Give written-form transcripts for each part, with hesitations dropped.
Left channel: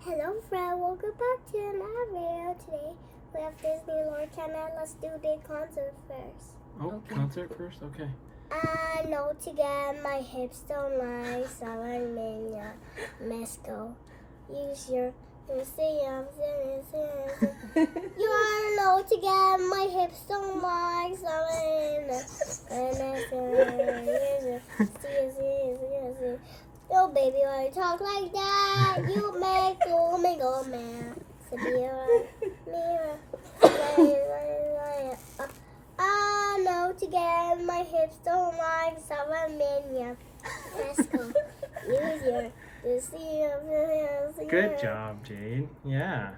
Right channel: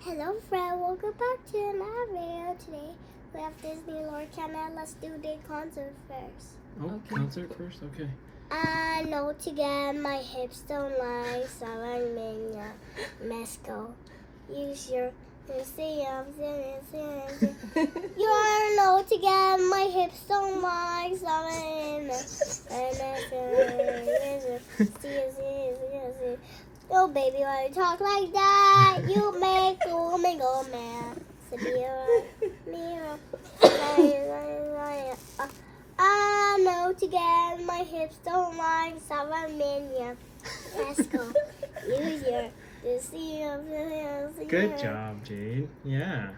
Hello friend, welcome back to another video. Today we have Disney Lorcana. Let's do the concert first. Oh, Okay. concert first? Okay. I know to get my hips don't lie, so I'm in Mexico. Use your you are know to get my hips don't lie, so I'm in Oh baby, when you talk like that, you make a woman go mad. I know to get my hips don't like Salvamania. Let's go. Use your Good job, Jade. Yeah.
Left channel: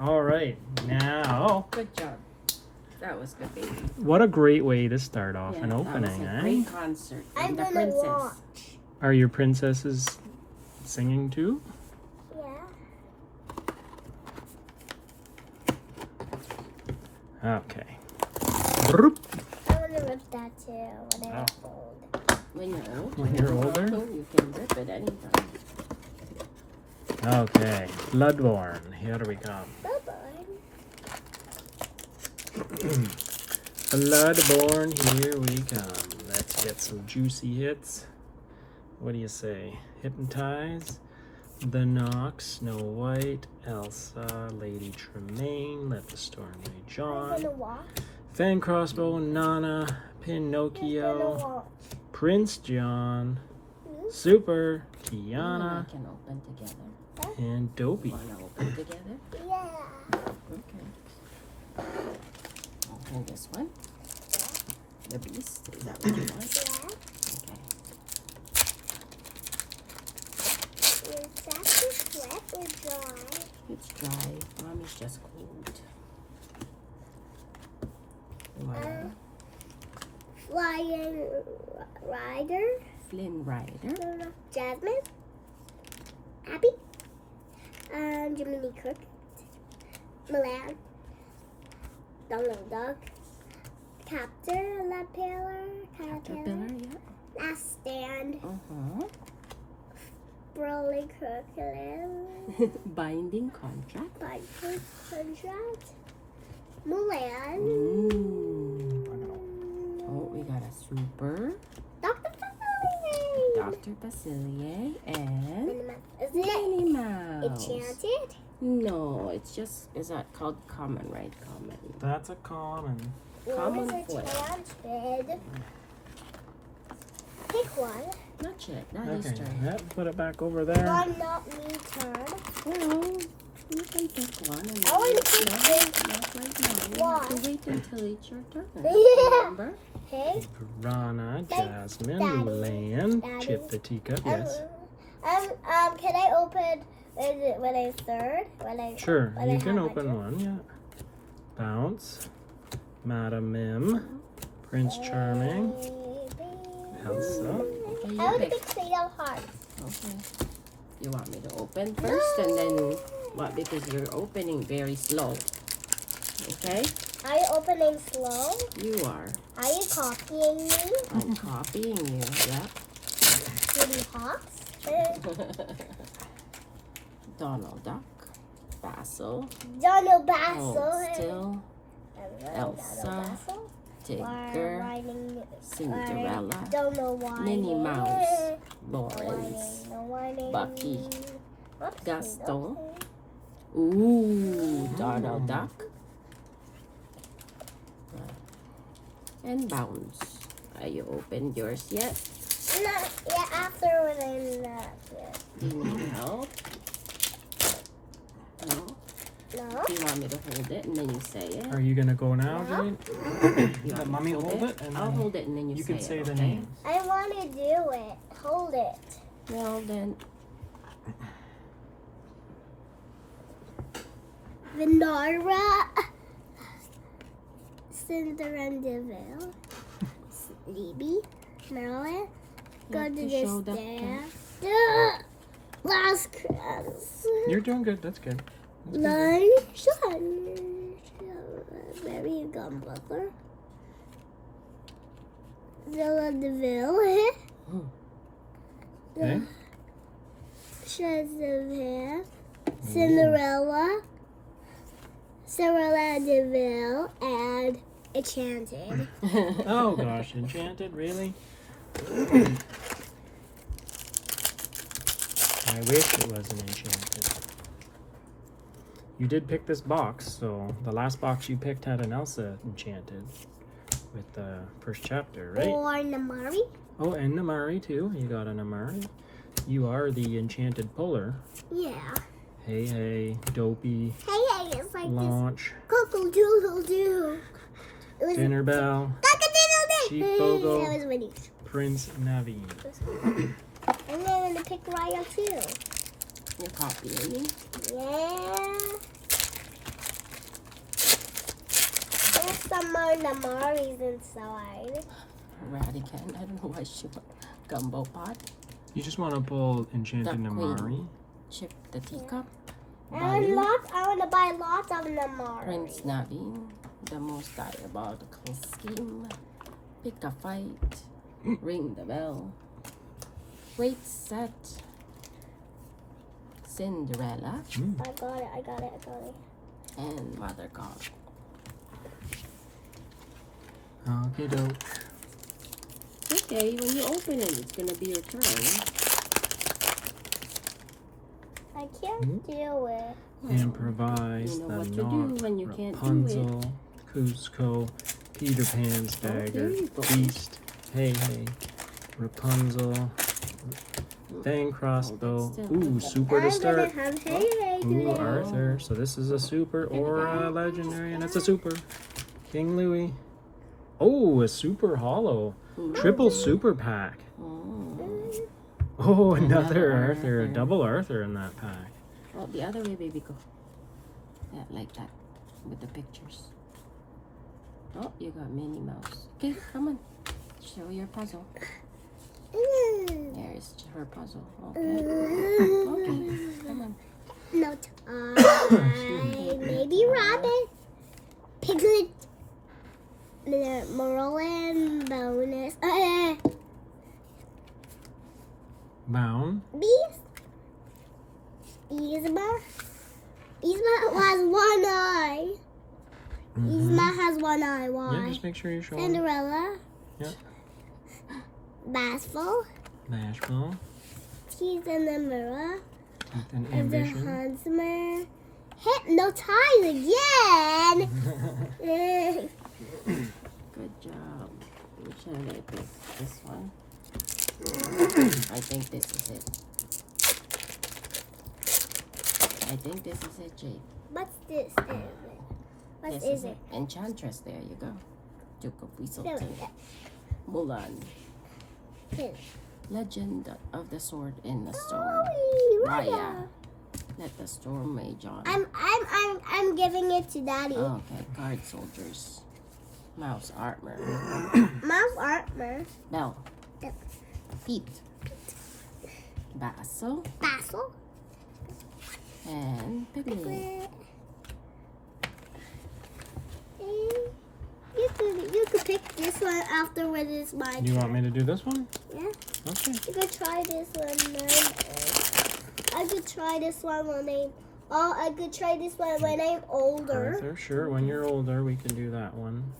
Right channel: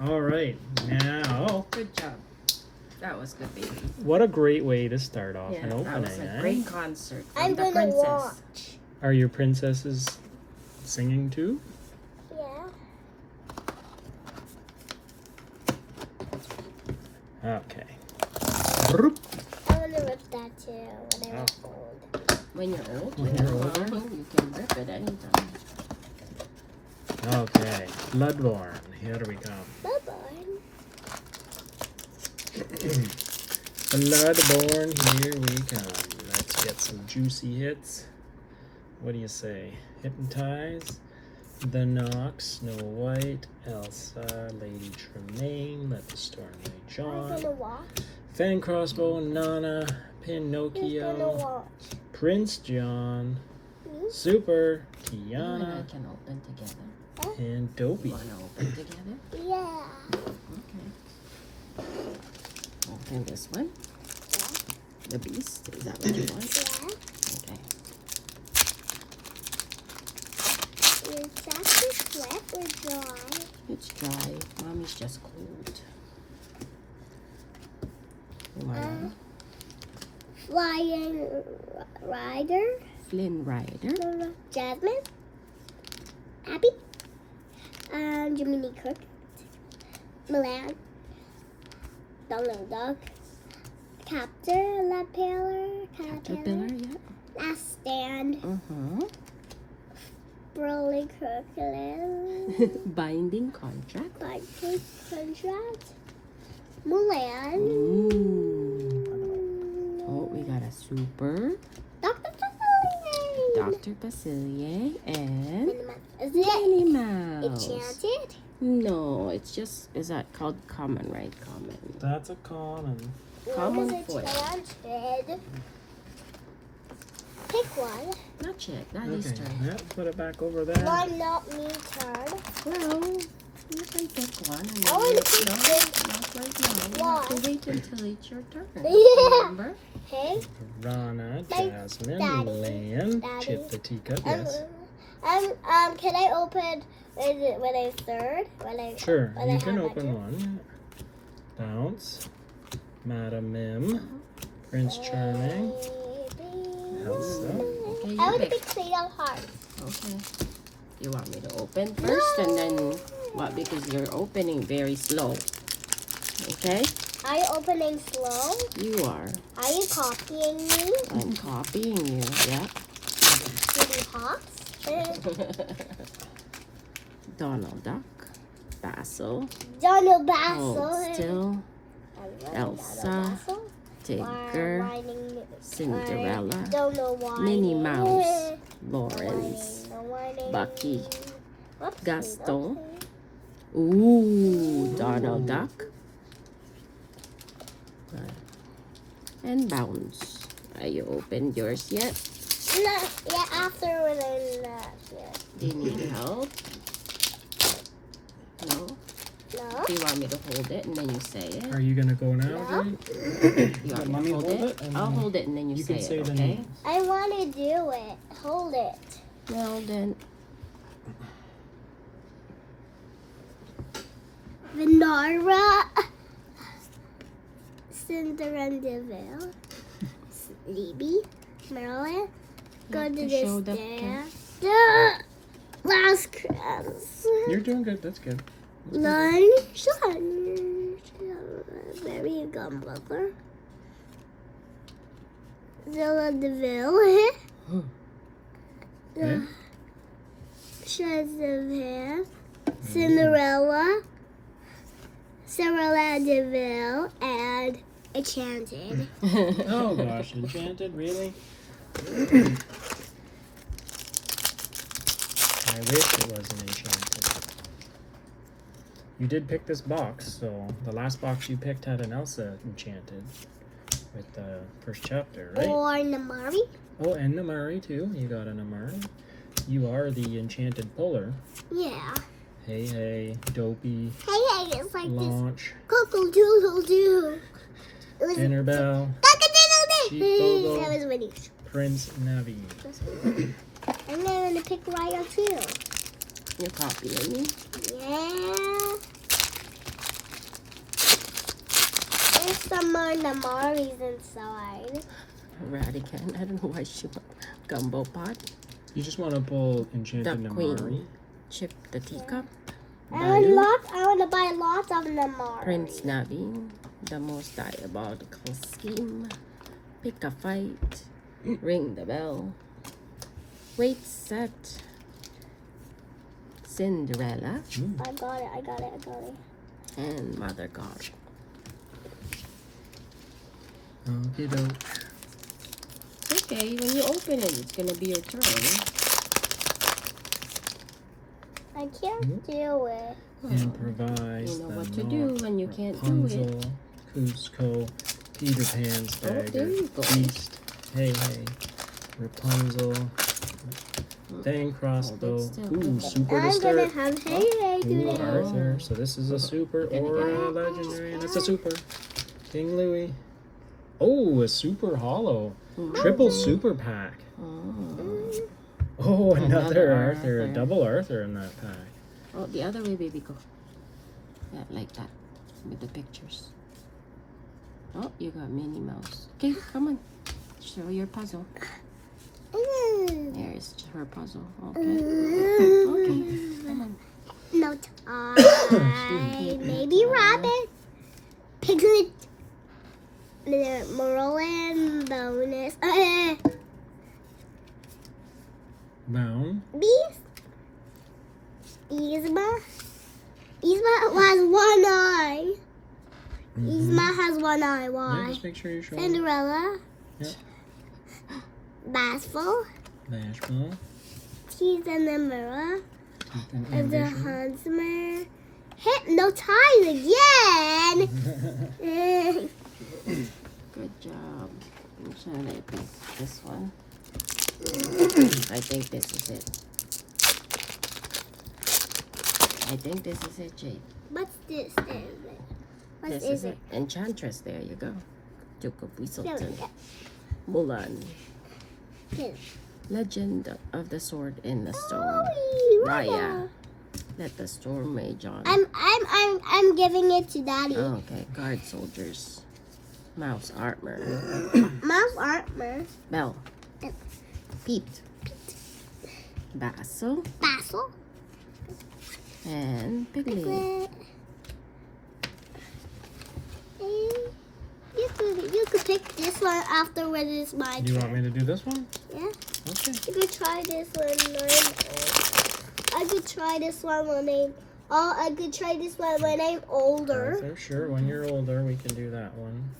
All right. Now, Good job. That was good, baby. what a great way to start off Yeah, an that was a opening. great concert. from I'm the gonna princess. watch. Are your princesses singing too? Yeah. Okay. Broop. I wanna rip that too when I'm Oh. old. When you're old, When when you're you're older? old, you can rip it anytime. Okay. Floodborn. Here we come. Bye bye. Floodborn. Here we come. Let's get some juicy hits. What do you say? Hypnotize. The Knock, Snow White, Elsa, Lady Tremaine, Let the Storm Rage I'm On, gonna watch. Fan Crossbow, Nana, Who's gonna Pinocchio, watch? Prince John, Me? Super, You and I Tiana, can open together. and You Dopey. want to open together? Yeah. Okay. Open this one. The Beast. Is that what you want? Yeah. Okay. Is that just wet or dry? It's dry. Mommy's just cold. You want one? Flying Rider. Flynn Rider. Jasmine. Abby. Jiminy Cook. Milan. Donald Duck. Caterpillar. Caterpillar, yeah. Last Stand. Mm-hmm. Broly Crocodile. Binding contract. Biker Contract. Mulan. Oh, we got a super. Dr. Facilier. Dr. Facilier and Is Minnie it Mouse. enchanted? No, it's just, is that called common, right? Common. That's a common. Common What foil. is enchanted? Pick one. Not yet, not Okay, this turn. that, put it back over there. One, not me turn. Well, you can pick one and I want to pick this not right now. one. You wait until it's your turn. Yeah. Remember? Okay. Piranha, Thank Jasmine, Daddy. Mulan, Daddy. Chip the Teacup, yes. Can I open? Is it when I third? When I Sure, when you I can have open my one, yeah. Bounce, Madam Mim, Prince Charming, Elsa. Okay, you I want to pick. pick Fatal Heart. Okay. You want me to open first and then what? Because you're opening very slow. Okay? Are you opening slow? You are. Are you copying me? I'm copying you. Yep. Kitty Hawks? Donald Duck. Basil. Donald Basil. Hold still. Donald Elsa. Basil. Tigger. Whining. Cinderella. Don't know why. Minnie Mouse. Lawrence. Whining, no whining. Bucky. Oops, Gaston. okay. Ooh, Donald Duck. And Bounce. Are you opened yours yet? Not yet. After when I'm not yet. Do you need help? No? No. Do you want me to hold it and then you say it? Are you gonna go now, No. Jade? You want Let me me to hold it? and I'll then hold it and then you, you say can say it, the okay? names. I want to do it. Hold it. Well then, Venara. Cinderella. Sleepy. Marilyn. Go You to have to this show that there. Yeah. Last Christmas. You're doing good, that's good. Nine. Very good, brother. Villa DeVille. Okay. Shreds of hair. Cinderella, Cinderella Deville, and Enchanted. Oh gosh, Enchanted, really? I wish it wasn't Enchanted. You did pick this box, so the last box you picked had an Elsa Enchanted with the first chapter, right? Or Namari. Oh, and Namari too. You got an Namari. You are the Enchanted Puller. Yeah. Hey, hey, Dopey, Hey, it's like Launch, this. Cockle-doodle-doo. It was Tinkerbell, cock-a-doodle-doo. Sheep That Doodle. was Winnie. Prince Navi. And then I'm gonna pick Raya too. You copying me? Yeah. There's some more Namaris inside. Radican. I don't know why she want gumbo pot. You just want to pull Enchanted The Namari. Queen. Chip the teacup. I Bayou. want to buy lots of Namari. Prince Navi. The most diabolical scheme. Pick a fight. Ring the bell. Wait set. Cinderella. I got it. And Mother God. Okay, doke. Okay, when you open it, it's gonna be your turn. I can't do it. Improvise. You know the what to do Knot, when you can't do it. Rapunzel, Cusco, Peter Pan's Oh, bag, there you go. Beast, Hey Hey, Rapunzel, Dang Crossbow, Oh, that's still ooh, good. super to I'm gonna start. have Hey Hey Ooh, today. Arthur. So this is a super or a legendary, and it's a super. King Louis. Oh, a super hollow. Triple super pack. Oh. Oh, another Another Arthur. A Arthur. double Arthur in that pack. Oh, the other way, baby, go. Yeah, like that. With the pictures. Oh, you got Minnie Mouse. Okay, come on. Show your puzzle. There's her puzzle. Okay. Okay, come on. No time. Baby Rabbit. Piglet. Merlin. Bonus. Bound. Beast. Yzma. Yzma has one eye. Yzma has one eye. Yeah, Why? just make sure you show it. Cinderella. Yeah. Bashful. Bashful. Teeth in the mirror. Teeth and And the ambition. huntsman. Hypnotized again. Good job. I'm trying to pick this one. I think this is it. I think this is it, Jade. What's this? What This is it? Enchantress. There you go. Duke of There we Weaselton. go. Mulan. Here. Legend of the Sword in the Stone. Mommy, Raya. Let the storm rage on. I'm giving it to Daddy. Oh, okay. Guard soldiers. Mouse armor. Mouse armor. Bell. Bell. Pete. Basil. Basil. And Piglet. Piglet. You could pick this one afterwards. It's my You want turn. me to do this one? Yeah. Okay. You could try this one. I could try this one when I could try this one when I'm older. Arthur, sure. When you're older, we can do that one.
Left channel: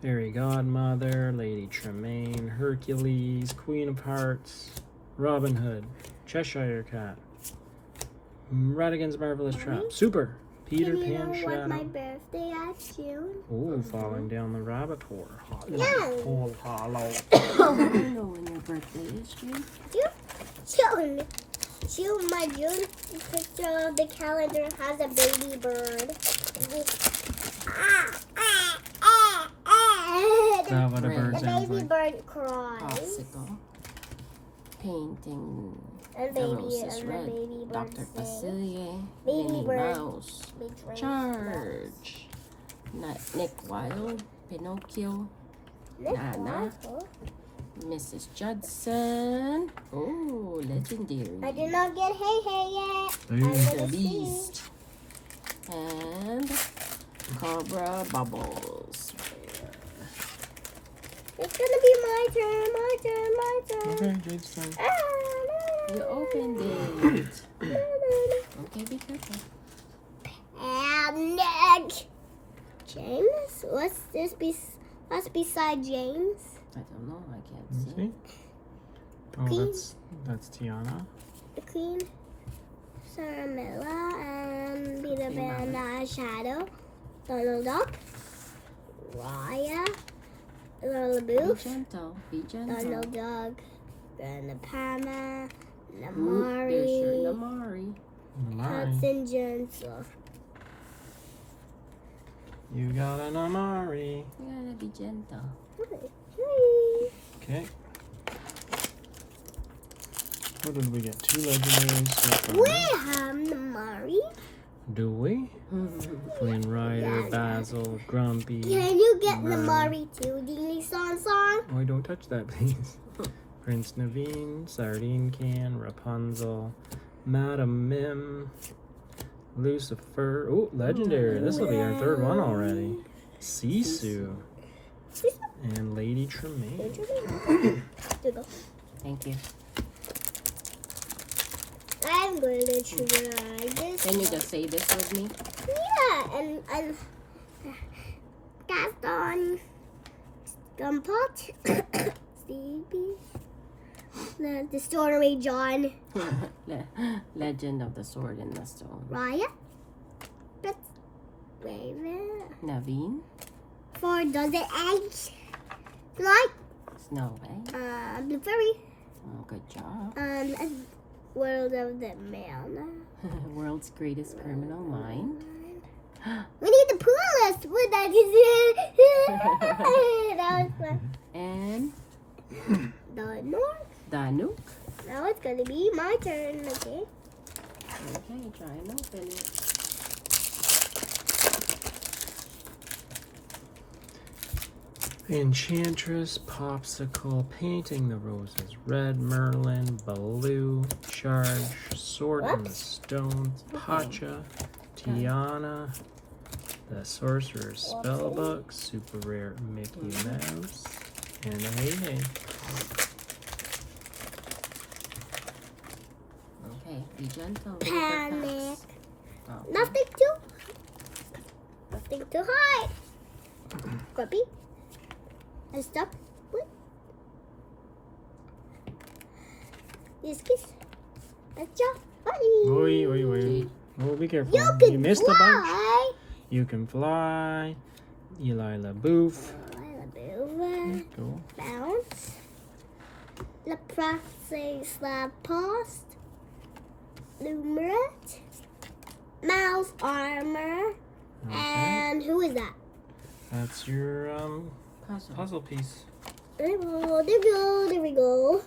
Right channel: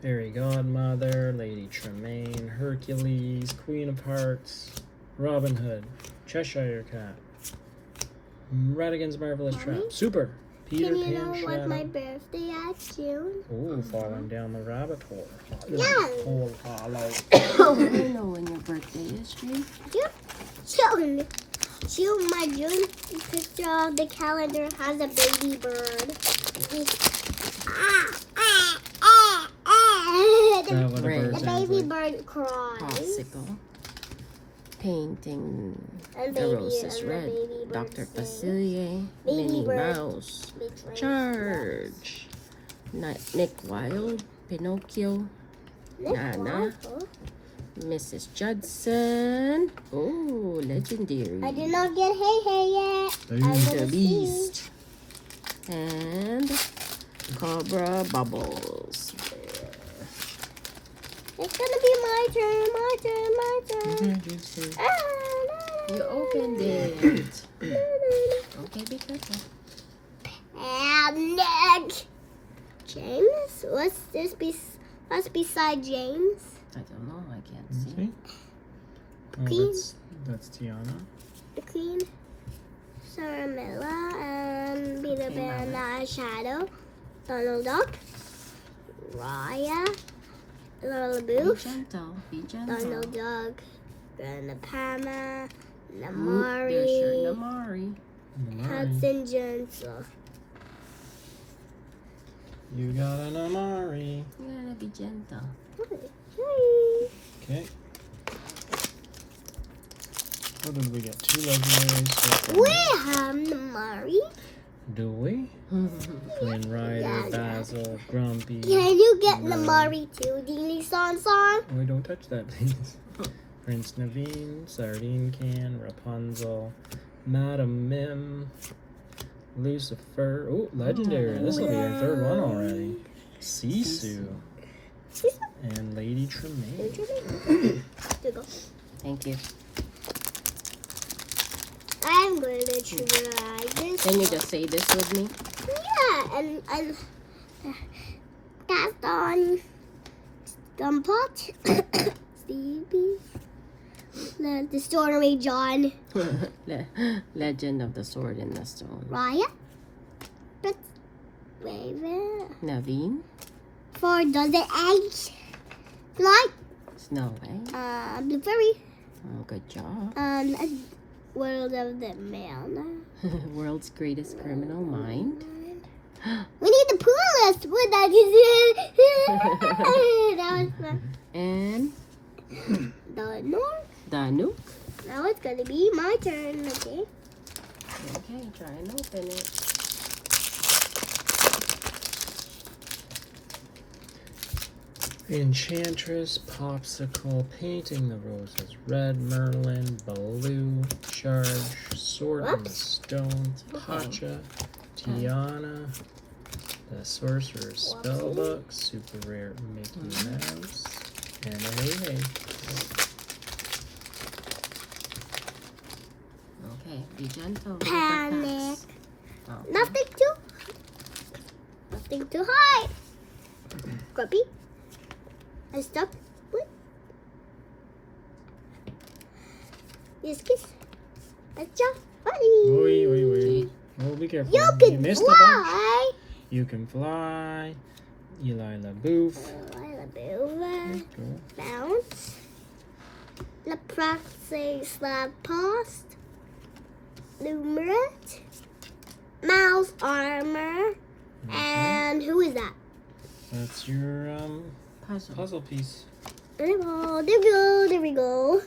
Fairy Godmother, Lady Tremaine, Hercules, Queen of Hearts, Robin Hood, Cheshire Cat, Radigan's Marvelous Mommy? Trap, Super, Peter Can you Pan know what my Shadow. birthday is June? Ooh, falling down the rabbit hole. Yeah. Hole hollow. I don't know when your birthday is, June. June. June. My June picture of the calendar has a baby bird. What a Red. bird The sounds baby like. bird cries. Popsicle. Painting And the baby, roses and the red. baby bird Dr. sings. Facilier. Baby Minnie bird. Mouse. Big red Charge. Nick Wilde. Pinocchio. Nick Nana. Wilde. Mrs. Judson. Oh, legendary. I did not get Hey Hey yet. I'm Ooh. The gonna see. Beast. And Cobra Bubbles. It's gonna be my turn, my turn, my turn. Okay, Jade's turn. Ah, You opened it. no, no, no. Okay. Okay, be careful. Panic. James? What's beside James? I don't know. I can't Let's see. see. Oh, Queen. that's Tiana. The Queen, Sarmilla, and Peter Okay, Pan, Mommy. Shadow, Donald Duck, Raya, Little Be Booth, gentle. Be gentle. Donald Duck, Grandma Pama, Oop, there's your Namari, Namari. Hudson Gentle. You got an Amari. You gotta be gentle. Okay. What did we get? 2 legendaries. We have Namari. Do we? Green Rider, Yeah. Basil, Grumpy. Can you get Right. Namari too, Dini Song? Oh, don't touch that, please. Prince Naveen, Sardine Can, Rapunzel, Madam Mim, Lucifer. Oh, legendary. This will be our 3rd one already. Sisu. And Lady Tremaine. Here you go. Thank you. I'm going to try this. Can you just say this with me? Yeah, and cast on Gumpot, Stevie, the Story John, Legend of the Sword in the Stone. Raya, Prince Raven, Naveen. 4 dozen eggs, Flight, Snow White. Blue Fairy, Oh, good job. and World of the Man. World's greatest criminal mind. We need the pool list with that. That was fun. And The North. Danuk. Now it's gonna be my turn, okay? Okay, try and open it. Enchantress, Popsicle, Painting the Roses, Red, Merlin, Baloo, Charge, Sword and Stone, Pacha, Tiana, the Sorcerer's Spellbook, Super Rare Mickey Mouse, and hey. Okay, be gentle. with the Panic. packs. Okay. Nothing too high. Grumpy. And stuff. What? Yes, kiss. That's your buddy. Wait. Oh, be careful. You can missed a bunch. fly. You can fly. Eli LaBouffe. Go. Go. Bounce. The process slap post. Numerate. Mouse armor. Okay. And who is that? That's your Puzzle. puzzle piece. There we go.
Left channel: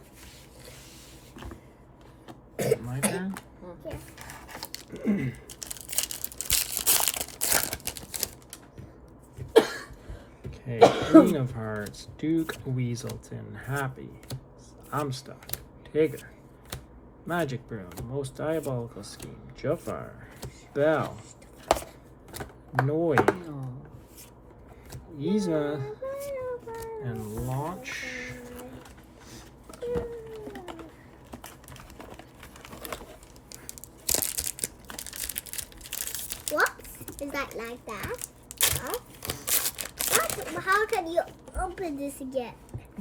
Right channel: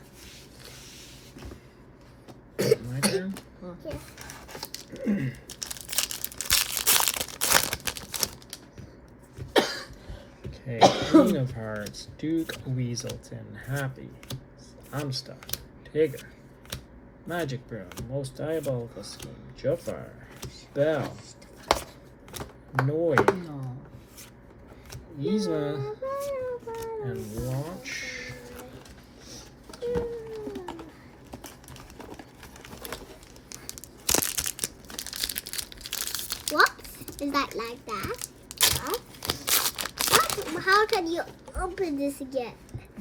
My turn. Yeah. Okay, King of Hearts, Duke Weaselton, Happy, I'm stuck, Tigger, Magic Brown, Most Diabolical Scheme, Jafar, Bell, Noy, No. Yzma, and Launch. Whoops. Is that like that? Huh? What? How can you open this again?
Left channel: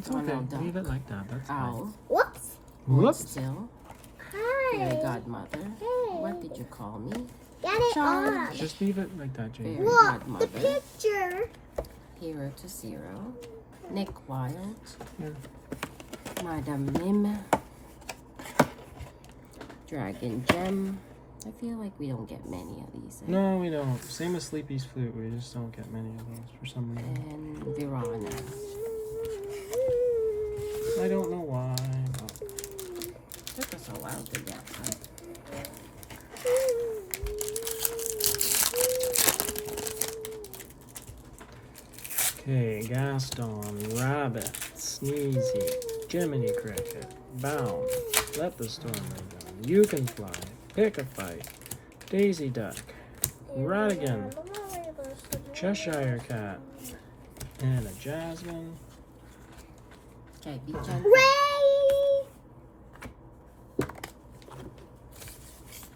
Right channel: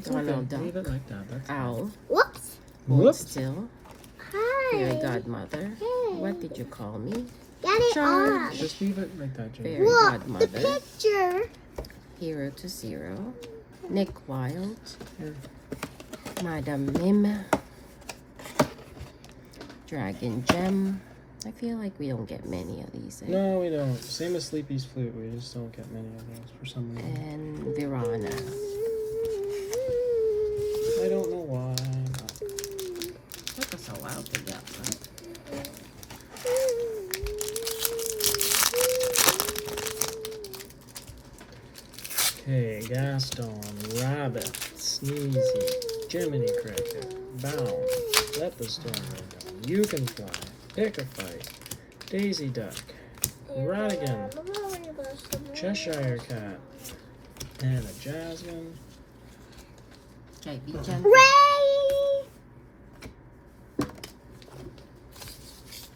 Donald Duck. Leave it like that. That's Owl. Whoops. Hold Whoops. still. Hi. Fairy godmother. Hey. What did you call me? Get it Charge. on. Just leave it like that, Jane. Fairy Look, godmother. the picture. Hero to Zero. Nick Wilde. Yeah. Madam Mim. Dragon Gem. I feel like we don't get many of these. Eh? No, we don't. Same as Sleepy's Flute. We just don't get many of those for some reason. And Virana. I don't know why. Took us a while to get that. Okay, Gaston, Rabbit, Sneezy, Jiminy Cricket, Bound, Let the Storm Go, You Can Fly, Pick a Fight, Daisy Duck, Radigan, Cheshire Cat, Anna Jasmine, Okay, be gentle. Ray.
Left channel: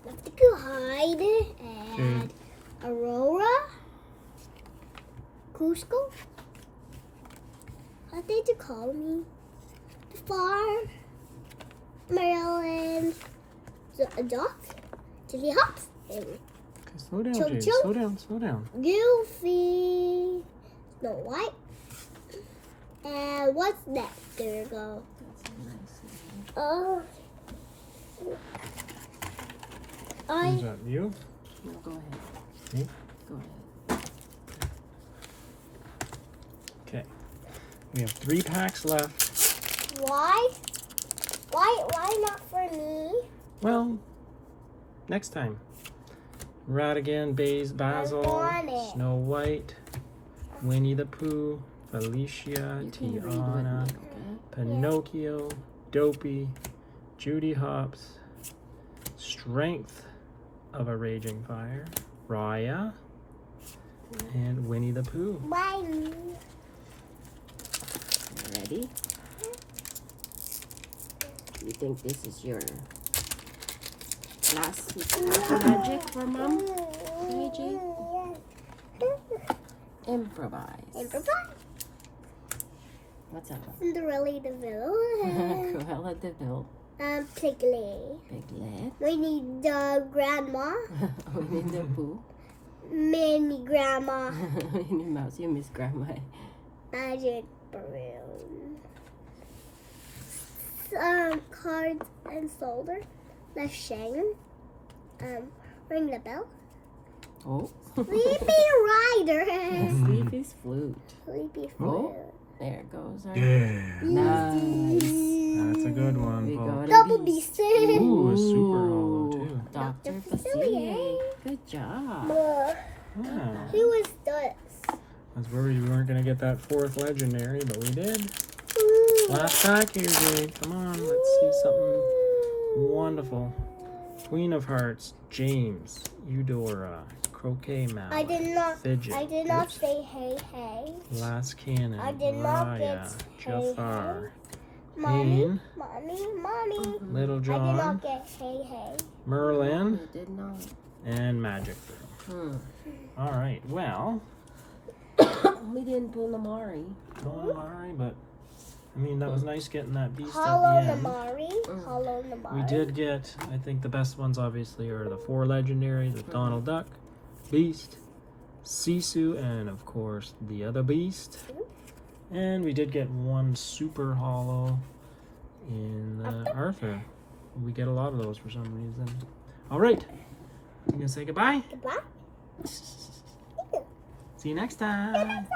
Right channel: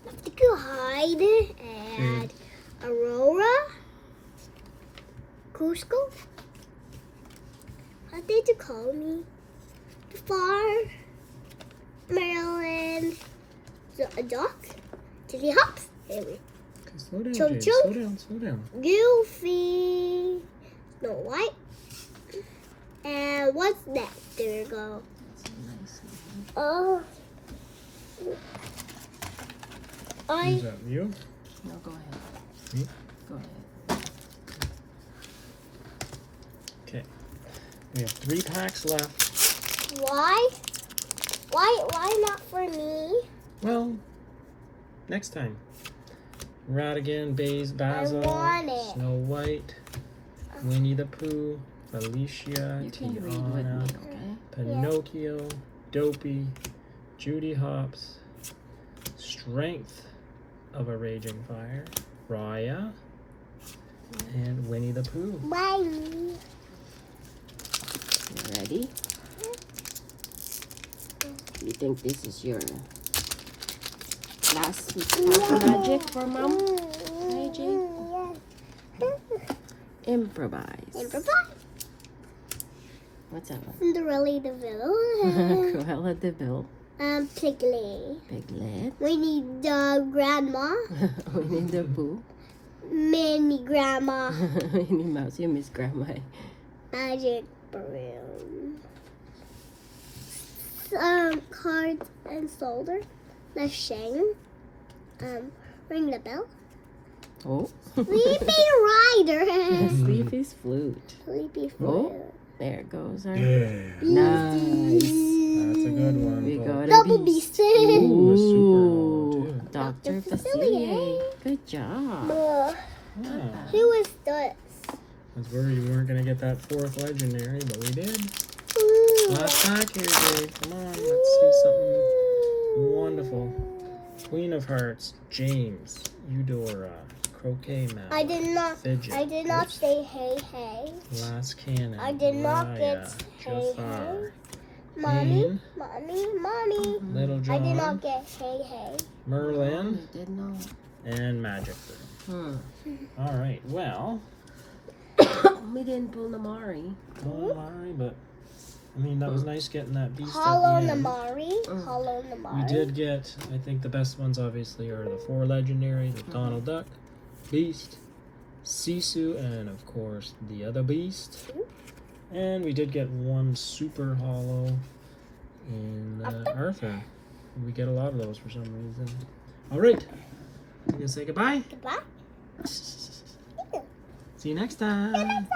Not too high. Jade and Aurora, Cusco. What did you call me? Far, Maryland, a duck, Chili Hops, and Okay, slow down, Choo Jade. choo. Slow down, slow down. Goofy, Snow White, and what's that? There you go. That's a nice one. Oh, Is that you? No, go ahead. Me? Go ahead. Okay. We have 3 packs left. why? Why not for me? Well, next time. Ratigan, Basil, want it. Snow White, Winnie the Pooh, Felicia, You can read with Tiana, me, okay? Pinocchio, Dopey, Judy Hopps, Strength of a Raging Fire, Raya, and Winnie the Pooh. Bye. You ready? You think this is your last magic for Mom? Magic? Improvise. Improvise. What's that one? Cinderella Deville. Cruella de Vil. Piglet. Piglet. We need the grandma. Winnie the Pooh. Mini grandma. Minnie Mouse. You miss Grandma. Magic broom. Cards and solder. The Shang. Ring the bell. Oh. Sleepy Rider. Sleepy's flute. Sleepy Oh. fruit. There goes our. Yeah. Nice. That's a good one. We Paul. got a Double beast. beast. Ooh, a super hollow, too. Dr. Dr. Facilier. Good job. Yeah. Who is this? I was worried we weren't going to get that 4th legendary, but we did. Last pack here, Jade. Come on, let's see something wonderful. Queen of Hearts, James, Eudora, Croquet Mouse. I did not Fidget. say hey hey. Last Cannon. I did not get Raya, hey Jafar, Mommy, Ian, mommy. Little I did not John, get hey hey. Merlin, I did not. and Magic. All right, well, We didn't pull Namari. all right, but I mean that was nice getting that beast. at the Hollow end. Namari. Hollow Namari. We did get, I think the best ones obviously are the 4 legendaries with Donald Duck, Beast, Sisu, and of course the other Beast. And we did get 1 super hollow in Arthur. We get a lot of those for some reason. All right, I'm gonna say goodbye. Goodbye. See you next time.